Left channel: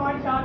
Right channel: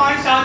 5-7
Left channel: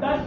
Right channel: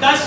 10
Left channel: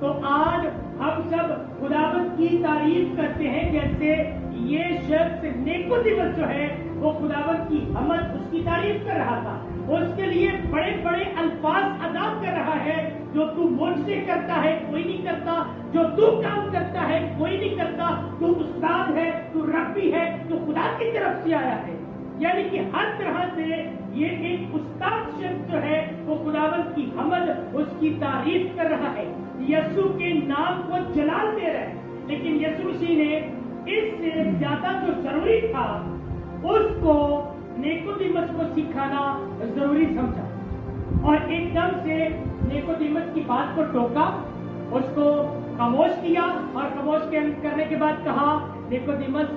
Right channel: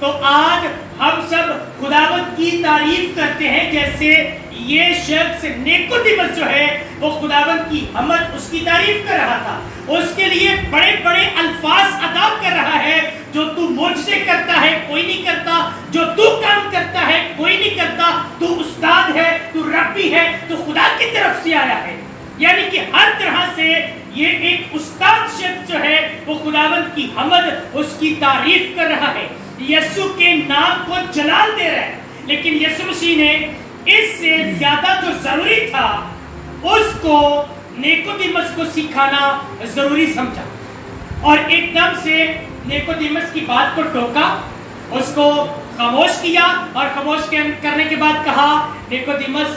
تو آج ہم سب خداوند کی تعریف کرتے ہیں جیسے یہ شخص نیکودیمس جو ہے وہ خداوند کی حمد اس کی تعریف کر رہا تھا، اس کے لیے بڑے بڑے الفاظ ادا کر رہا ہے، جو تو مجھ سے کرتا ہے کوئی نہیں کرتا، جو تو کام کرتا ہے کوئی نہیں کرتا، تو استاد ہے، تو ربی ہے، تو خدا کی طرف سے آیا ہے۔ یعنی کہ ہر طرح سے یہ ایک استاد شخص جو ہے وہ خداوند کی حمد اس کی تعریف کر رہا ہے، یسوع کے نام کو جلال دے رہا ہے۔ لیکن یسوع مسیح نے اس سے زیادہ جو ضروری تھا اس کو نیکودیمس کو سکھانا ضروری سمجھا، اور ایک دم سے نیکودیمس کی بات کو ٹوکا، اس کو خاموش کیا، اور خاموش کرنے کے بعد کہا نیکودیمس،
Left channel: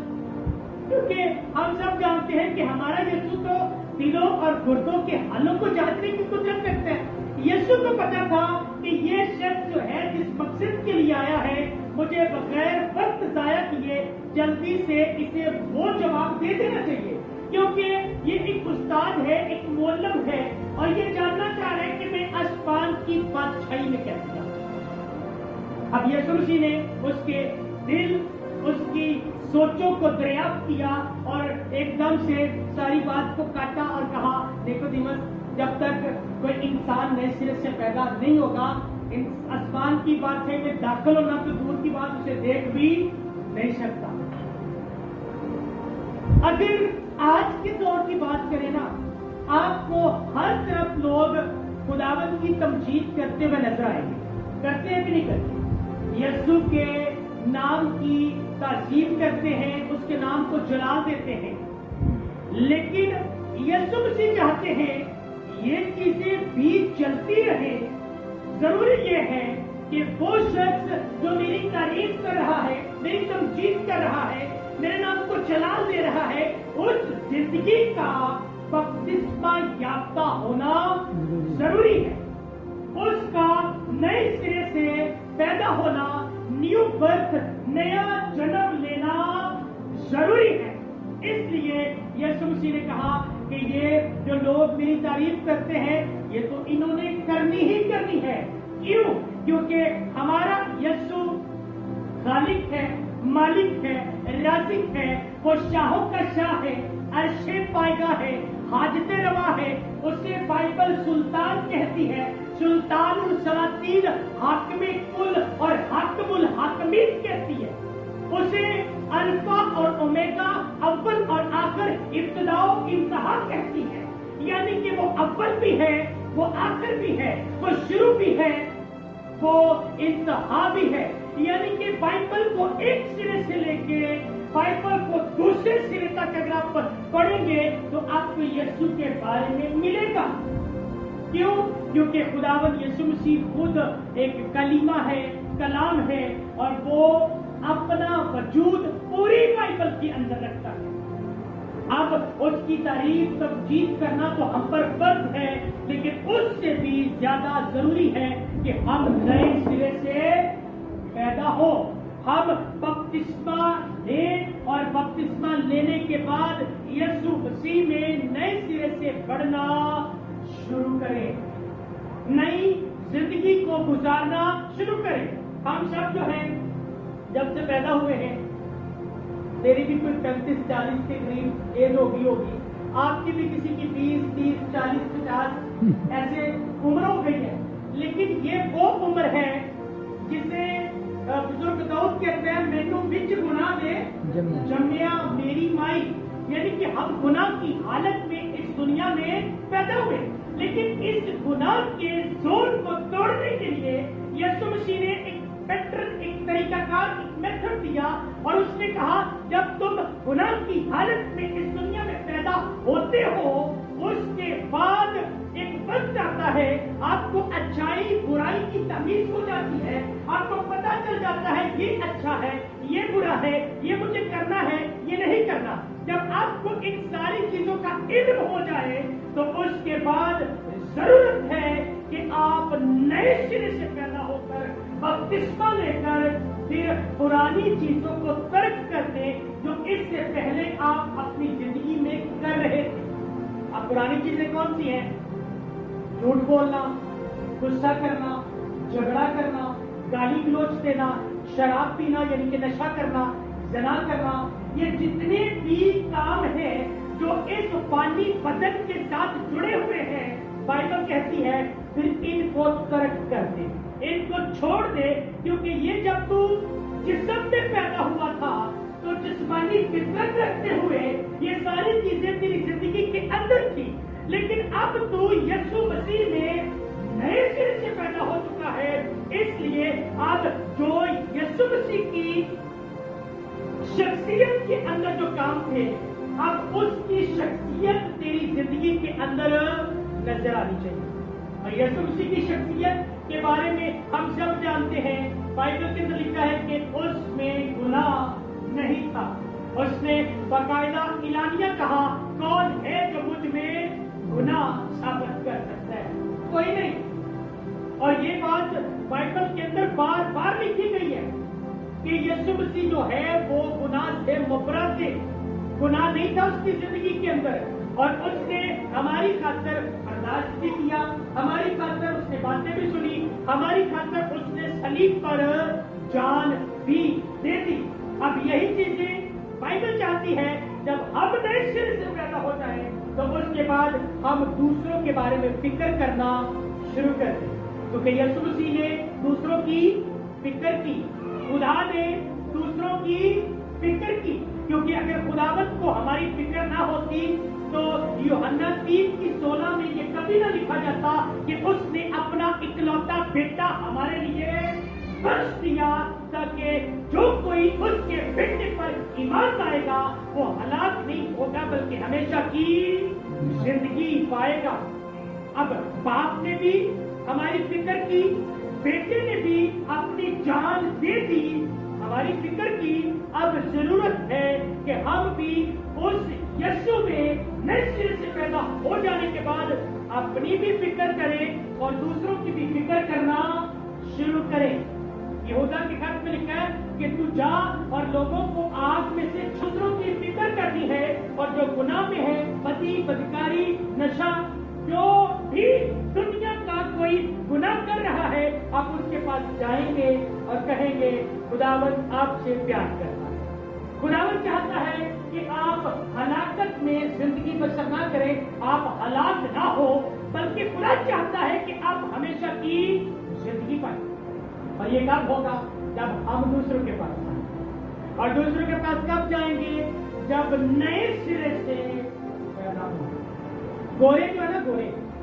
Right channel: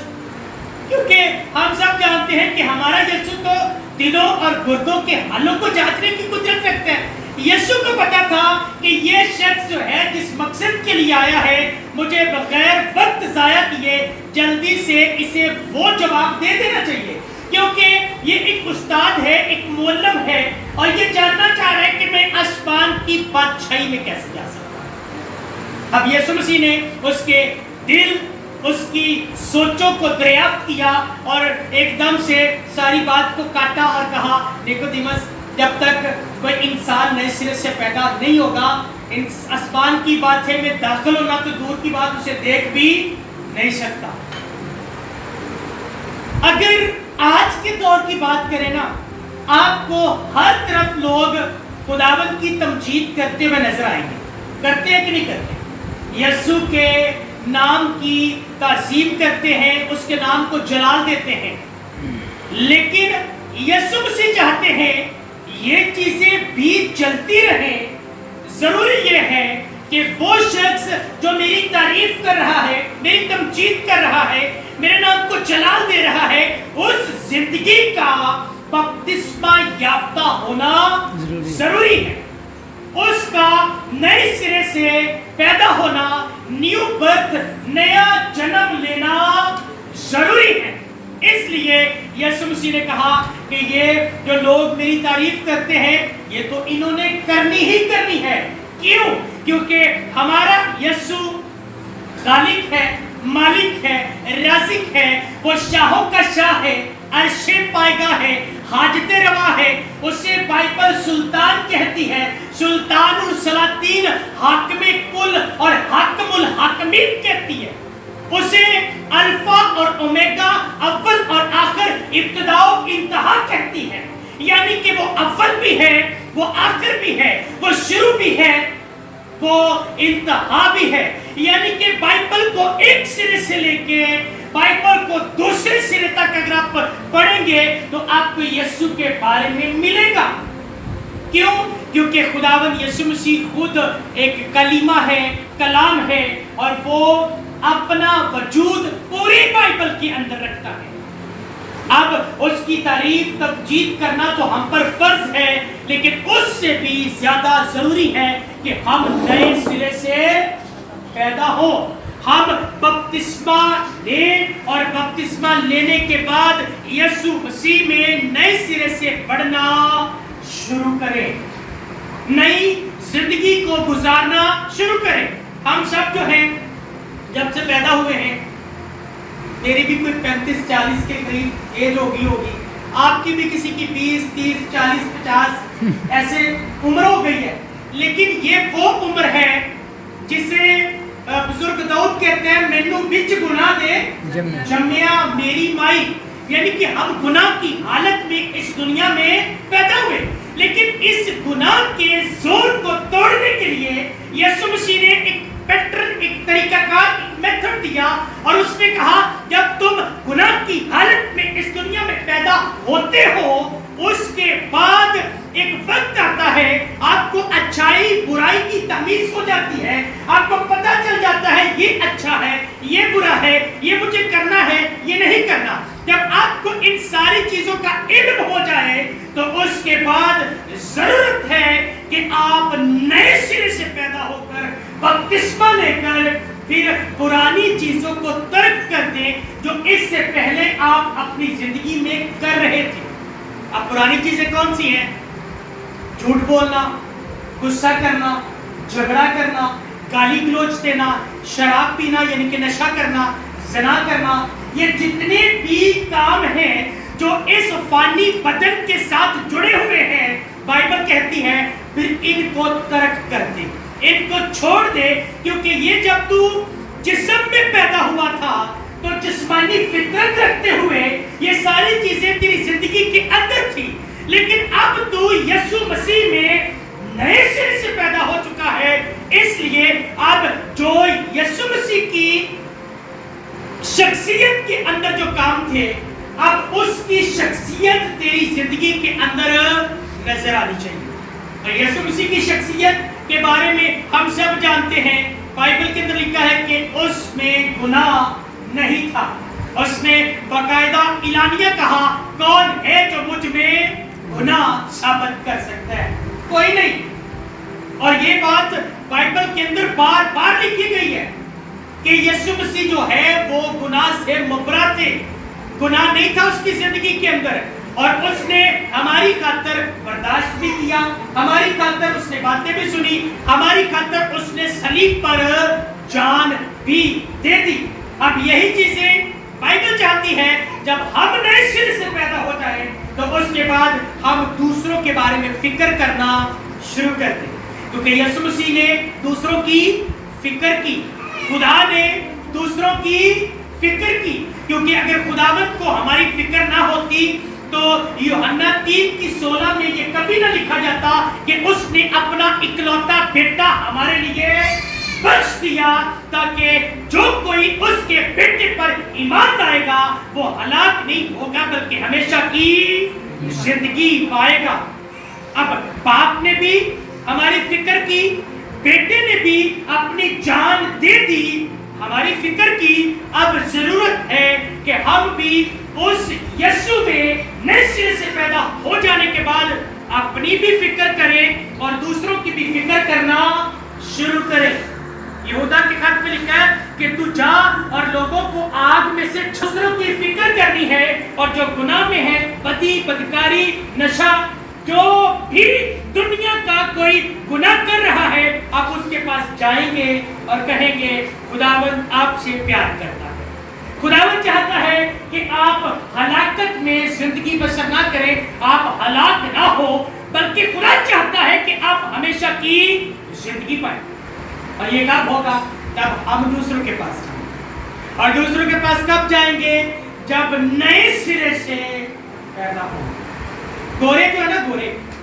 کیونکہ ہم سب جانتے ہیں کہ ہمارا یسوع تو دلوں اور گردوں کے حالوں کو جانچنے کی قدرت رکھتا ہے۔ یسوع کو پتا تھا کہ یہ شخص جو ہے جس مقصد کے لیے آیا ہے، مجھے بغیر وقت ضائع کیے جلدی سے اسے وہ جواب دے دینا چاہیے، کیونکہ یہ ایک استاد ہے، ایک معلم ہے، اور یہ جاننا چاہ رہا ہے کہ میں آسمان کی بادشاہی میں کیسے جا سکتا ہوں۔ اب یسوع مسیح نے اس کے دل، اس کی سوچوں کو دریافت کیا اور ایک دم سے ساری بات کو کاٹا اور کہا، نیکودیمس، جب تک کوئی انسان نئے سرے سے پیدا نہیں ہوگا، آسمان کی باتیں میں داخل ہونا تو دور کی بات اسے دیکھ بھی نہیں سکتا۔ اگر آج کے دور کی بات کریں نا، آپ کو ہر طرف لوگ خداوند کی تمجید کرتے ہوئے نظر آئیں گے، کرتے ہیں کہ نہیں کرتے؟ یسوع کے نام کی تعظیم کرتے ہیں، اس کے نام کو جلال دیتے ہیں، لیکن یسوع مسیح چاہتے ہیں یہ چیزیں بھی چلتی رہیں۔ ضروری یہ ہے کہ وہ شخص جو میری تعریف کر رہا ہے، میری تمجید کر رہا ہے، میرے نام کو جلال دے رہا ہے، اس زندگی کا بپتسمہ یافتہ ہونا ضروری ہے، اس کا نئے سرے سے پیدا ہونا، نیو برتھ، نیا جنم لینا ضروری ہے۔ اس لیے یسوع مسیح نے کہا کہ یہ جو لوگ میری تعریف کرتے ہیں یہ تو انہوں نے کرنی ہی کرنی ہے۔ کیوں؟ کیونکہ ہمارا یسوع خالق ہے، مالک ہے، رازق ہے، وہ شاہوں کا شاہ ہے، عرش پائیگاہ ہے، حاجت روا ہے، اسے بائبل سلطان کہتی ہے، سلطان السلاطین، حاکم کل اور حاکم الحاکمین کہتی ہے، اسے الفا اور اومیگا، اول اور آخر، ابتدا و انتہا کہتی ہے۔ یعنی کہ وہ اول بھی ہے، وہ آخر بھی ہے، وہ شروع بھی ہے، وہ انتہا بھی ہے۔ یعنی کہ بائبل کو ایک سرے سے لے کے بائبل کو دوسرے سرے تک اگر آپ پڑھیں گے تو آپ کو یسوع کے بارے میں ملے گا۔ کیوں؟ کیونکہ خداوند یسوع مسیح خود ایک کلمہ ہے، کلام ہے، اور وہ اپنا وجود پوری بائبل کے اندر رکھتا ہے۔ اب اس کی تعریف تمجید کرنا تو ہم پر فرض ہے، لیکن اس سے بھی زیادہ ضروری ہے کہ ہم نئے سرے سے پیدا ہو، ہم بپتسمہ لیں، اور بپتسمہ لینے کے بعد یسوع مسیح میں نئے سرے سے بڑھنا شروع کریں، نئی زندگی کو گزارنا شروع کریں۔ ہم سب جو ہیں جب سے پیدا ہوئے ہیں، میری بھی کوئی 35-40 کے قریب ایج ہوگی، آپ کی بھی کسی کی 20, 30, 40, 50 ایسے عمر ہو گئی ہے، لیکن یہ وہ عمر ہے جسے بزرگ داؤد کہتے ہیں، مینو وچ گناہ دے جمیا میری مائی، یعنی کہ ہم گناہ کی حالت میں اس دنیا میں پیدا ہوئے، لیکن اس گناہ کے زور کو توڑنے کے لیے یسوع مسیح نے ایک پیٹرن، ایک طریقہ کار، ایک میتھڈ دیا، اور اس نے کہا جب تم گناہ کی حالت میں اس دنیا میں پیدا ہوتے ہو، اس کے بعد ایک وقت آتا ہے، آپ کو اچھائی برائی کی تمیز ہو جاتی ہے، آپ کو پتہ چل جاتا ہے یہ اچھا ہے، یہ برا ہے، یہ مجھے کرنا ہے، یہ نہیں کرنا۔ جب آپ کو ان ساری چیزوں کا علم ہو جائے تو اس کے بعد ضرورت ہے کہ آپ نئے سرے سے پیدا ہو کر بپتسمہ لے کر پھر پرانی چیزوں کو ترک کر دیں جو اس سے پہلے آپ اپنی زندگی میں کر رہے تھے۔ اب پرانی چیزیں کون سی ہیں؟ جھوٹ بولنا، غصہ کرنا، جھگڑا کرنا، گالی گلوچ دینا، شراب پینا یعنی کہ نشہ کرنا، زنا کرنا، یہ جتنے بھی کام ہیں جو اس فانی بدن کے ساتھ جڑے ہوئے ہیں، بائبل کہتی ہے پھر ان کو ترک کر دے، ان کو چھوڑ دے، کیونکہ یہ جب تو جسم میں پیدا ہوا تھا تو جسمانی فطرت رکھتے ہوئے یہ ساری چیزیں تیری زندگی کے اندر تھی، لیکن اب تو یسوع مسیح میں نئے سرے سے پیدا ہو چکا ہے، اس لیے اب جو یسوع مسیح کی شخصیت کے اندر جو کام تھے، اب اس کی شخصیت تیری زندگی کے اندر نظر آنی چاہیے۔ اور یسوع مسیح کی شخصیت کے بارے میں ہم سب جانتے ہیں، بائبل کے اندر لکھا ہے کہ اس میں گناہ نہیں تھا، اس نے باقاعدہ اعلانیہ کہا کون ہے جو مجھ میں گناہ ثابت کر سکتا ہے؟ کوئی نہیں۔ اور یہ بات بائبل کے اندر بار بار لکھی گئی ہے کہ یسوع مسیح جو ہے وہ گناہ سے مبرا تھے، گناہ نہیں تھا اس کی زندگی کے اندر، اور اس نے ہماری خاطر برداشت بھی کیا، ہماری خاطر اس نے باتیں بھی سنی، ہماری خاطر اس نے صلیب پر جان بھی دے دی۔ اب یہی چیزیں بائبل چاہتی ہے، جب ہم نئے سرے سے پیدا ہو جائیں تو اس کے بعد ہم دوسروں کے بارے میں فکر کرنا شروع کر دیں، کیونکہ یسوع مسیح نے دوسروں کی فکر کی، خدا نے دوسروں کی فکر کی، کیونکہ اگر خداوند کو ہماری فکر نہ ہوتی تو یوحنا 3:16 میں یہ کبھی نہ لکھا جاتا کہ اس نے اپنا اکلوتا بیٹا ہمارے لیے بخش دیا تاکہ جو کوئی اس کے بیٹے پر ایمان لائے گا وہ ہلاک نہیں ہوگا بلکہ ہمیشہ کی زندگی پائے گا۔ اب باپ نے بھی ہماری فکر کی، بیٹے نے بھی اپنی جان دے دی، ہماری فکر کی، اب ضرورت ہے کہ ہم بھی اس یسوع میں نئے سرے سے پیدا ہو جانے کے بعد اپنی بھی فکر کریں اور دوسروں کی بھی فکر کرنا شروع کریں۔ یہودا کے خط میں لکھا ہے کہ تو جا اور لوگوں کو آگ میں سے دوسروں کی فکر کرنی ہے، اور جو گناہ میں ہے، بدی، بدکاری، نشہ، جو بھی دنیا کا کوئی گناہ کر رہا ہے، آپ اس کے پاس جائیں گے اور کہیں گے خداوند آپ سے پیار کرتا ہے، خداوند چاہتا ہے کہ آپ ہلاکت میں زندگی بسر نہ کریں، آپ ہلاک نہ ہو، بلکہ خدا چاہتا ہے کہ آپ ہمیشہ کی زندگی پائیں۔ اور یہ کب ہوگا؟ جب ہم دوسروں کے پاس جائیں گے۔ اور دوسروں کے پاس کب جائیں گے؟ جب نئے سرے سے پیدا ہو۔ گورے جو ہے نا،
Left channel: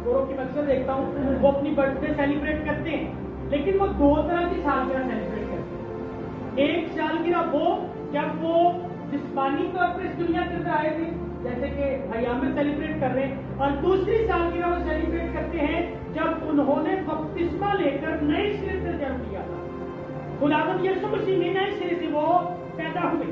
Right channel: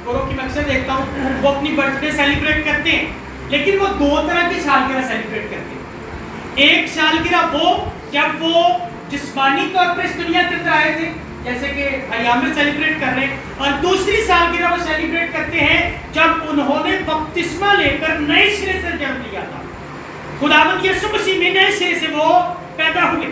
گوروں کی مقصد دیکھتا ہوں، وہ اپنی برتھ ڈے سیلیبریٹ کرتے ہیں، لیکن وہ دو طرح کی سالگرہ سیلیبریٹ کرتے ہیں۔ ایک سالگرہ وہ جب وہ جسمانی طور پر اس دنیا کے اندر آئے تھے، جیسے کہ بھائی عامر سیلیبریٹ کر رہے ہیں، اور دوسری سالگرہ وہ سیلیبریٹ کرتے ہیں جب انہوں نے بپتسمہ لے کر نئے سرے سے جنم لیا تھا، خداوند یسوع مسیح میں نئے سرے سے وہ پیدا ہوئے،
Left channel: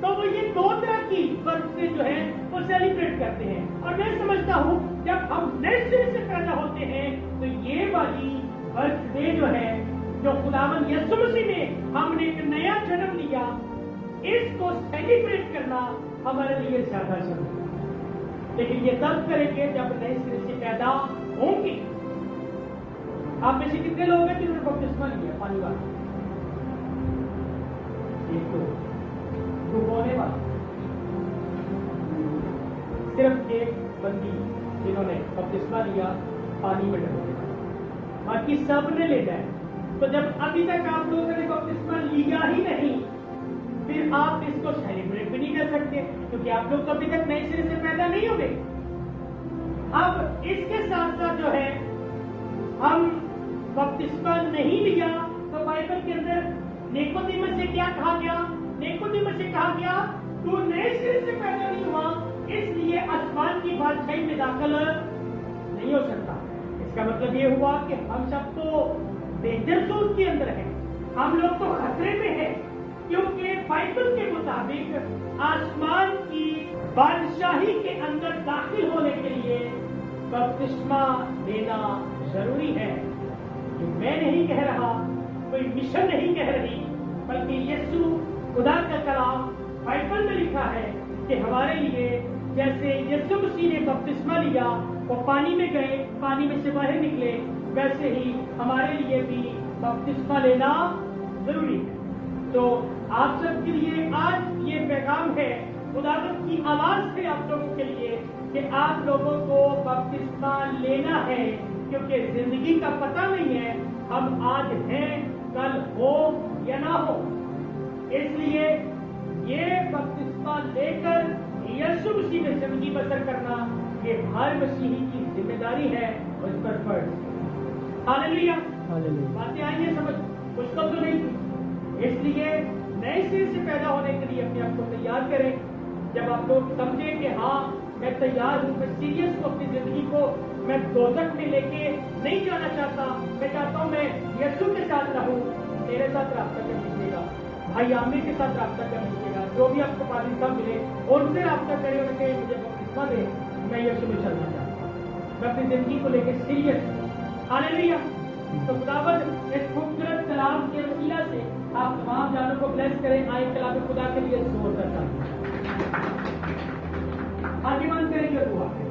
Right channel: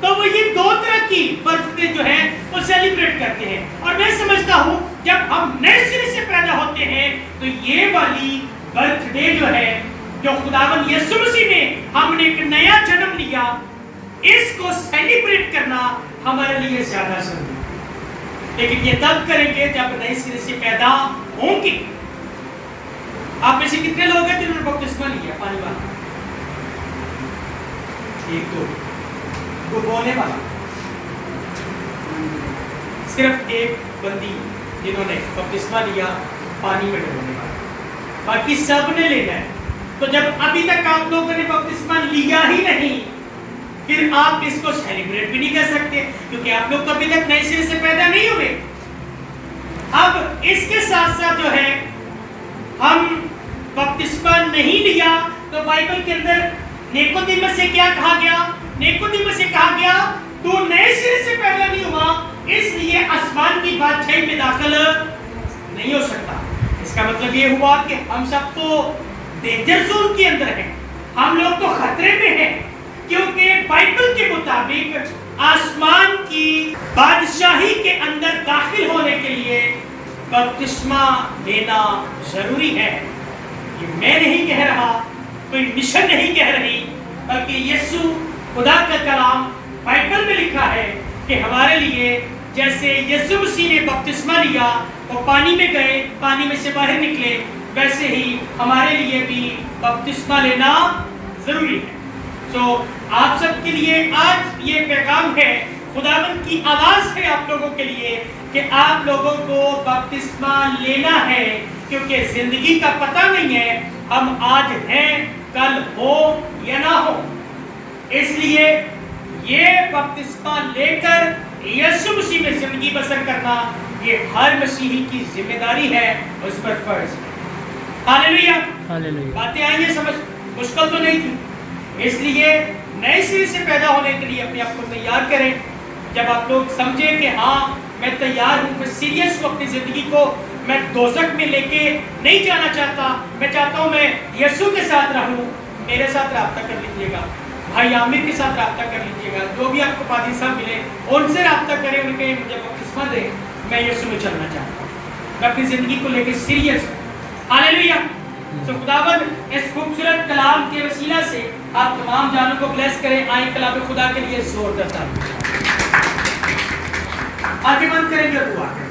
تو وہ یہ دو طرح کی برتھ ڈے جو ہے وہ سیلیبریٹ کرتے ہیں۔ اور میں سمجھتا ہوں جب ہم نئے سرے سے پیدا ہوتے ہیں تو یہ والی برتھ ڈے جو ہے، جو خداوند یسوع مسیح میں ہم نے ایک نیا جنم لیا، اس کو سیلیبریٹ کرنا ہمارے لیے زیادہ ضروری ہے، لیکن یہ تب کریں گے جب نئے سرے سے پیدا ہوں گے۔ آپ میں سے کتنے لوگ ہیں جنہوں نے بپتسمہ لیا پانی والا؟ ایک دو، ڈبونے والا صرف ایک بندی جنہوں نے بپتسمہ لیا پانی میں ڈبونے والا، باقی سب نے لینا ہے۔ تو جب ابھی تک آپ لوگوں نے بپتسمہ لیا ہی نہیں، پھر آپ اس کو سیلیبریٹ بھی نہیں کر سکتے، کیونکہ آپ لوگ کبھی تک نئے سرے سے پیدا نہیں ہوئے۔ اب اس کے ساتھ ساتھ جو ہے ہم بپتسمہ نہیں لیا تو بائبل کے اندر نیکودیمس سے کیا کہا گیا؟ نیکودیمس سے کہا گیا تو نئے سرے سے پیدا نہیں ہوا، اس لیے آسمان کی بادشاہی میں داخل نہیں ہو سکتا۔ اس کا مطلب یہ ہوا کہ ہم سب تو ڈینجر زون کے اندر ہیں، ہم لوگ تو خطرے میں ہیں، کیونکہ بائبل کے مطابق آسمان کی بادشاہی کے اندر داخل ہونے کے لیے بپتسمہ لینا ضروری ہے۔ یہ میں نہیں کہہ رہا، کوئی مشن نہیں کہہ رہی، بلکہ یسوع خدا کا کلام بائبل میں لکھا ہے کہ ہمارے لیے جیسے یسوع مسیح نے بپتسمہ لیا، وہ پانی میں گئے، پانی میں سے باہر نکلے، ویسے ہی ہمارے لیے بھی بپتسمہ لینا ضروری ہے. سو آپ سب کے لیے آج یہ پیغام ہے، خداوند کی آواز ہے آپ لوگوں کے لیے کہ آپ لوگوں کو بپتسمہ لینا ہے، کیونکہ زندگی کا پتہ نہیں ہے ہم آج ہیں کل ہو یا نہ ہو. اس لیے یہ بپتسمہ لے کر یسوع مسیح میں زندگی بسر کرنا یہ ہر مسیحی کی ذمہ داری ہے، اس پر فرض ہے. ہاللیلویا. باتیں آئیں گے سمجھ، مشکل تو نہیں تھی. اس لیے نئے سرے سے پیدا ہونے کے لیے اپنے آپ کو تیار کریں. جب آپ لوگ سمجھیں کہ ہاں میں تیار ہوں، میں سیریس ہوں، اپنی زندگی کو میں دوزخ میں لے کے نہیں جانا چاہتا، میں چاہتا ہوں میں یسوع کے ساتھ رہوں، میرے ساتھ رابطہ کر لیجیے گا، بھائی عامر کے ساتھ رابطہ کر لیجیے گا. جو بھی آپ کو پادری صاحب ملے ان سے رابطہ کریں، ان کے مجھے بپتسمہ دیں. میں یسوع میں چلنا چاہتا ہوں، میں اپنی زندگی کو لے کے سیریس ہوں. ہاللیلویا. سو خداوند اس خوبصورت کلام کے وسیلہ سے آپ تمام جانوں کو بلیس کریں. آئیں کلام خدا کے لیے زور دیتا ہوں. آنکھیں بند کریں گے، دعا کریں.